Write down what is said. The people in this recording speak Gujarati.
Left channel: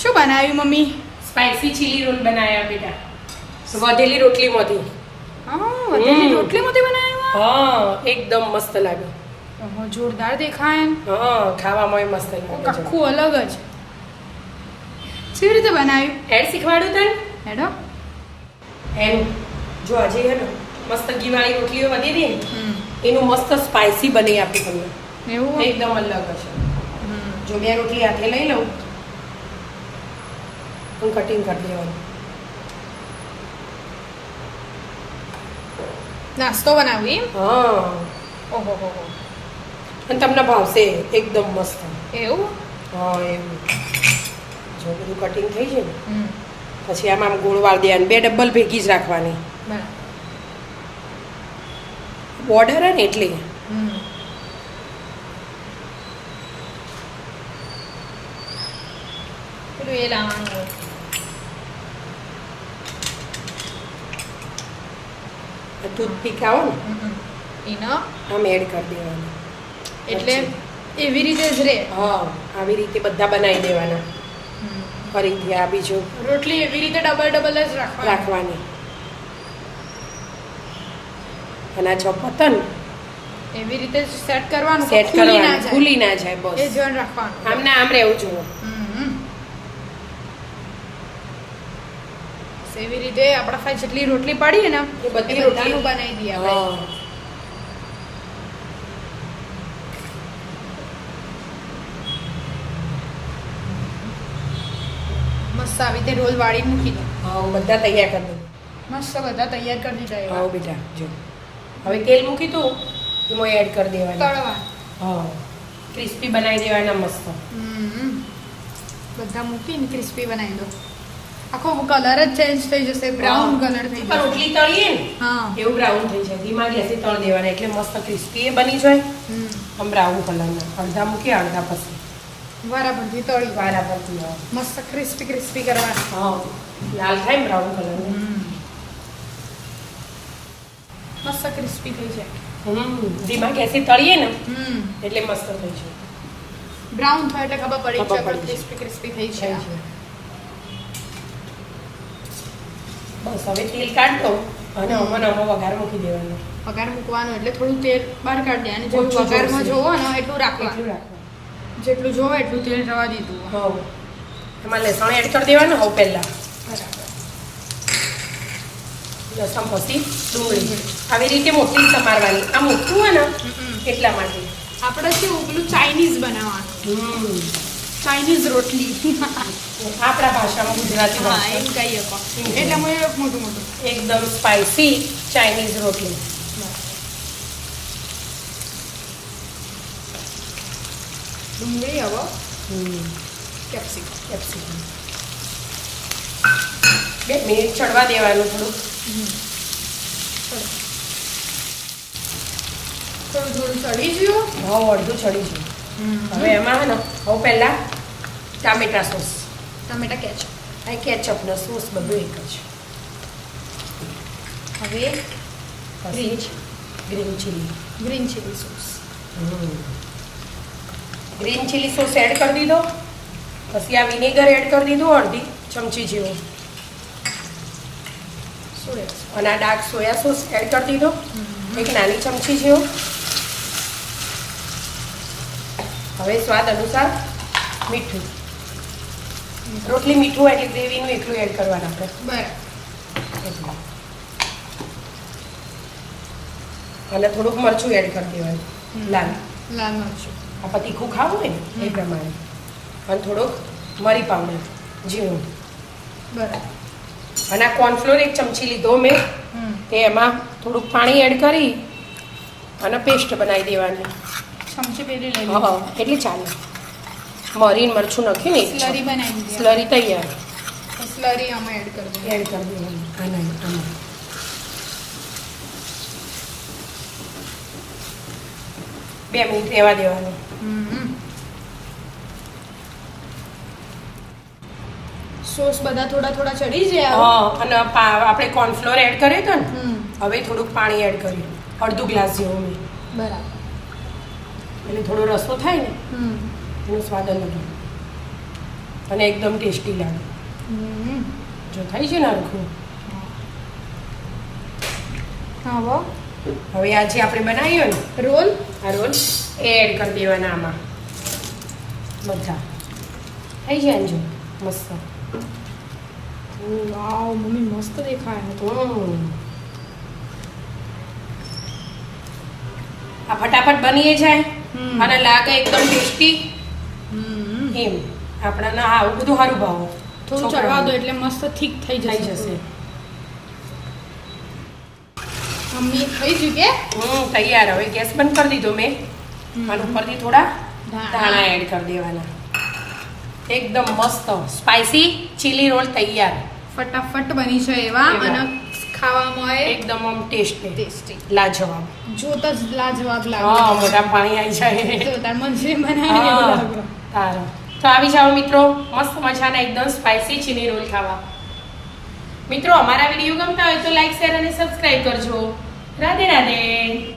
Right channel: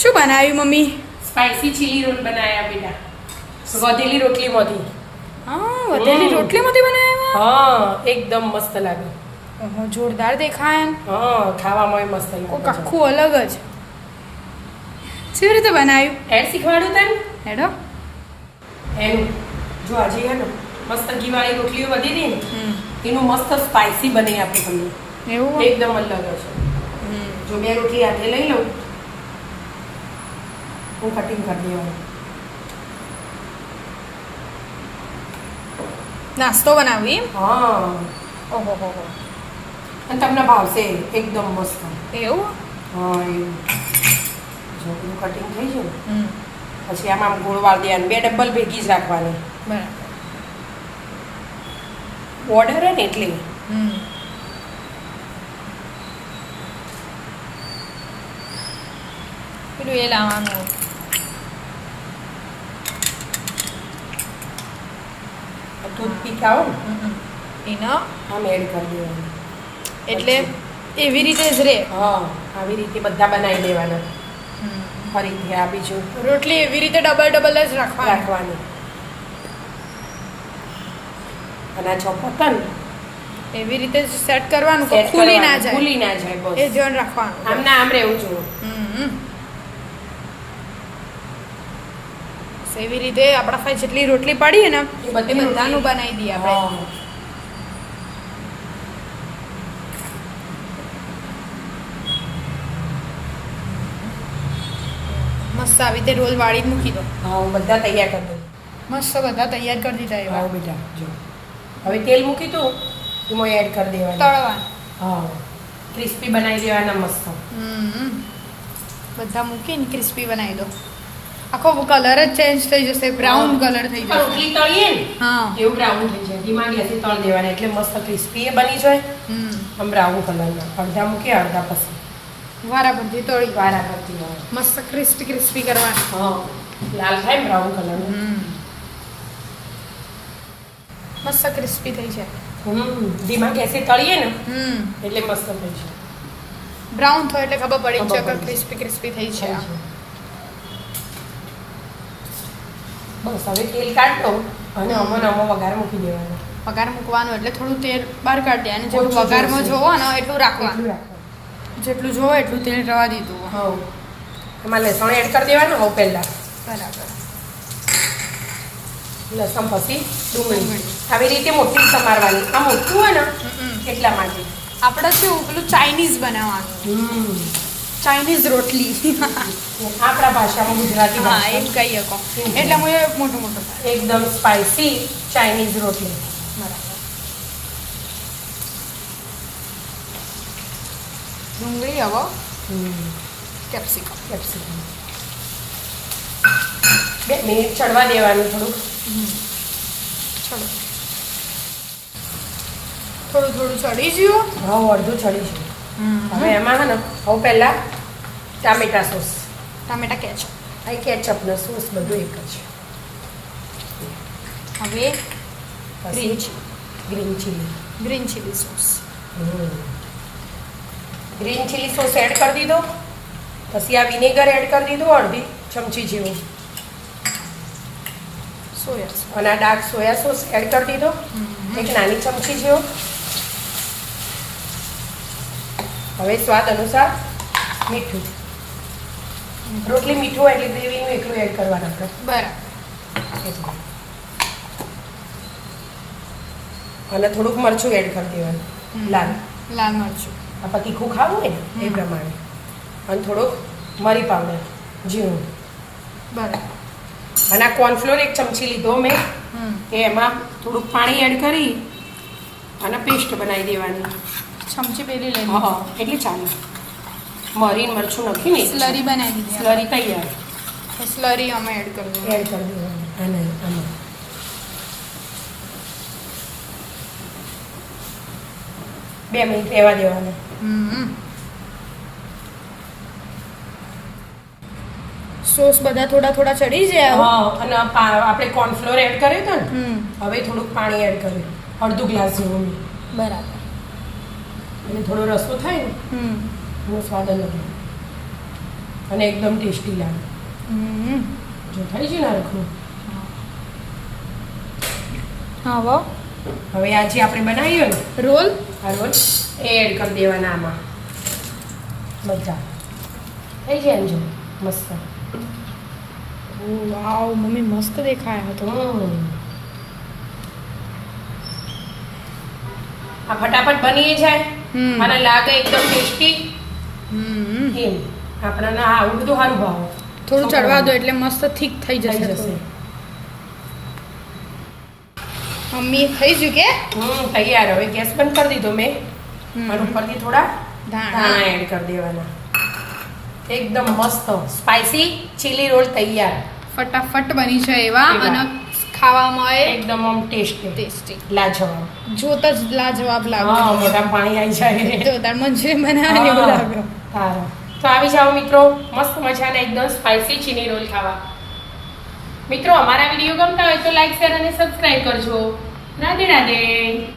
શું બનાવ્યું મમ્મી? સ્પાઈસી ચીલી રોલ બનાવ્યા બેટા. વધેલી રોટલીમાંથી. હા, વધેલી રોટલીમાંથી બનાવ્યા? હા, એકદમ મસ્ત લાગે. ઓહો, જોરદાર દેખાય ને. હા, ખાવામાં મસ્ત કોક લાગે. આખું અલગ જ. કેવી રીતે બનાવ્યું? એડ શીખવાડ્યું તને? હેડો. એનું જો આજે હે ને મસ્ત ઘીવાળી રોટલીઓ વધી રહી ને હમ. એનું મસ્ત સ્પાઈસી બનાવી આપી તમને. એવું? એકદમ અલગ છે. જો બે રોટલી હાથે લઈ લઉં હું કટિંગ કરી દેવાનું. નાસ્તો બનાવી એમ? હા, ઓહો હો હો. અને તમને ભાવશે એકદમ મસ્ત. એવું? હા, એવું જો બધું કટિંગ થઈ જાય ને હમ. પછી આમાં આમ ગોળ વાળ દેવાની. બે ડબલ ભેગી જ રાખવાની. બરાબર. બોર્ડર હે ને એટલે હમ. પેલું એ લાવવાનું. ટૂથપીક આવે ને એનો આમ એડ કરી દેવાની. એટલે એવી રીતે જ રે. હા, આવી રીતે બધા બનાવી દેવાના. ફરીથી આ બીજું રોટલી એવી રીતે ડબલ જ રાખવાની. રાખવાની. અને આ ચોપતન એવી રીતે સેટ કરવાનું કે સેટ ખુલી ના જાય. ખુલી ના જાય એ બસ. ધ્યાન રાખવાનું. આમ ના આમ રહેવું જોઈએ. હમ. એવી રીતે આપણા પાસે જેટલી રોટલી પડી ને એ બધી એ બધાનું બનાવી દઈએ આપણે. હા. મસ્ત આવી રીતે રોલ વાળી મૂકી દો. હા, હું બધા તૈયાર કરી દઉં. મસ્ત બધા તૈયાર કરી દીધા એવા. હા બેટા જો હવે તેલ મૂકી દઉં એમાં એડ કરી દેવાનું. તળવાનું. હા, ક્રિસ્પી બનાવી દેવાના મસ્ત. બધા મૂકીને ક્રિસ્પી બનાવી દો. આખો કલર જ ચેન્જ થઈ જશે. બ્રાઉન કલર થઈ જશે. રોટલી તળીએ ને હા. એવું બ્રાઉન થઈ જાય. ધીમા ગેસે તળ દેવાની એટલે મસ્ત ક્રિસ્પી એ બની જાય. આમ બ્રાઉન કલરનો. અડધા મૂકી અડધા પછી વારાફરતી તળી વારા પરથી આવે. મસ્ત ક્રિસ્પી કરવાની. હા, લાલ થાય બ્રાઉન કલરનો. મસ્ત ક્રિસ્પી થઈ જાય. ધીમા ગેસે તળીએ ને હમ. એટલે મસ્ત થઈ જાય. બ્રાઉન થાય એટલે ખબર પડી ખબર જાય પડી ક્રિસ્પી થઈ થઈ જાય. જાય. બસ હવે તેલ કાઢ દઉં અને અમો વઘાર મૂકી દેવાનો. વઘાર મૂકવાનું એટલે થોડું તેલ બહાર કાઢી દે અને જેટલું ઓછું વઘારમાં જોઈશે. જોવો ને એટલું રાખવાનું. એટલું રાખવાનું. જેટલું જોવો એટલું તેલ રવા દીધું. હા, એમાં લસણ એડ કરી દેવાનું હવે પહેલા. બરાબર. લસણ પછી ડુંગળી આવી રીતે મોટી સમારવાની. આ મોટું હોય ને એટલા માટે. આપણે કેવું પેલું ચાઇનીઝ બનાવવાનું. ચાઇનીઝ રોટલી. આપણા ભાષામાં ગુજરાતી હા, ભાષા એમ કહીએ કહો એટલે હું મોટું મોટું એકદમ સ્પાઇસી ચાઇનીઝ રોટલી. બરાબર. ડુંગળી હવે કેપ્સિકમ. કેપ્સિકમ 2 મિનિટ ચડવા દેવાનું થોડુંક. ચલો થોડું થોડું ચડી ગયું. હવે અડધું ચડી છે. હવે એમાં હે ને હવે પહેલા ટામેટા સોસ ટામેટા કેચ. આ કેચઅપનો સોસ બધું એક જ. હવે પછી green chilli. Green chilli sauce. Green chilli sauce add કરી દીધો. પછી આ વિનેગર એડ કરી દીધું અડધી ચમચી જેવું. સોયા. અને આ ડાર્ક સોયા સોસ એડ કરી દીધો એક નાની ચમચી જેવો. હવે સ્વાદ અનુસાર મીઠું. રોટલી મીઠું એટલે ગ્રેવીનું એટલું એડ કરવાનું આપણે. બરાબર. અને થોડુંક મરચું એડ કરી દેવાનું લાલ. લાલ મરચું. આ તીખું ખાવું ને એ પ્રમાણે. અને થોડુંક મરી પાવડર ઝીણું. બરાબર. અને આ કોર્નફ્લોર 1 ચમચી લીધો મેં. એમાં થોડુંક પાણી એડ કરી અને પેસ્ટ બનાવી દેવાની. ચમચી પેલી લઈ હા, એટલી ચાલે. મરી મરચું નાખીને સ્લરી બનાવી દીધી. સ્લરી તૈયાર. સ્લરી અમે એડ કરી દીધી. એડ કરી દેવાનું આમાં. 2 મિનિટ રહેવા દેવાનું. સોસ બધા થોડા થોડા ચડી જાય. હા, અને આપણે કોર્નફ્લોર એડ કર્યો હતો ને હવે થોડુંક પાણી એડ કર્યું અડધો ગ્લાસ જેવું. બરાબર. એટલે થોડો રસો થાય ને એનો સ્વાદ અલગ. અને એકદમ ટેસ્ટી લાગે. હમ. જો થઈ છે ને હરખું. હા વાહ. હવે આ જે આપણે બનાવીએ ને રોલ. આ રોલ એ એડ કરી દેવાના આમાં બધા. થઈ જાય ને જો મસ્ત. ઓ વાવ મમ્મી મસ્ત દેખાય તો. આ ફટાફટ બની જાય હમ. અને લાગે એકદમ ટેસ્ટી. હમ. એમ આપણને આવું બધું સારું ભાવે. થોડું ચડવા દો એટલે મસ્ત થીક થઈ થઈ જશે. જશે. મમ્મી થઈ ગયું કે તૈયાર. હવે ગેસ બંધ કરી દીધો મેં. અને ઉપરથી થોડા ધાણા. ધાણા એડ કરી દેવાના. એકદમ મસ્ત સ્પાઈસી ચીલી રોલ તૈયાર. ફટાફટ બની છે એવા એવા. અને ખાવામાં એ એકદમ આમ ટેસ્ટી ટેસ્ટી. લાજવાબ. જોતા જ લાજવાબ હા લાગે. મોઢામાં પાણી આવી જાય. જોતા મંચુરિયન બનાવવાની એવું લાગે. સારું તો આવી જાઓ મિત્રો, મસ્ત મજાના એકદમ સ્પાઈસી ચીલી રોલ ખાવા. મિત્રો અમારા વિડીયો ગમતા હોય તો લાઈક શેર અને સબસ્ક્રાઈબ કરજો. રાધે રાધે.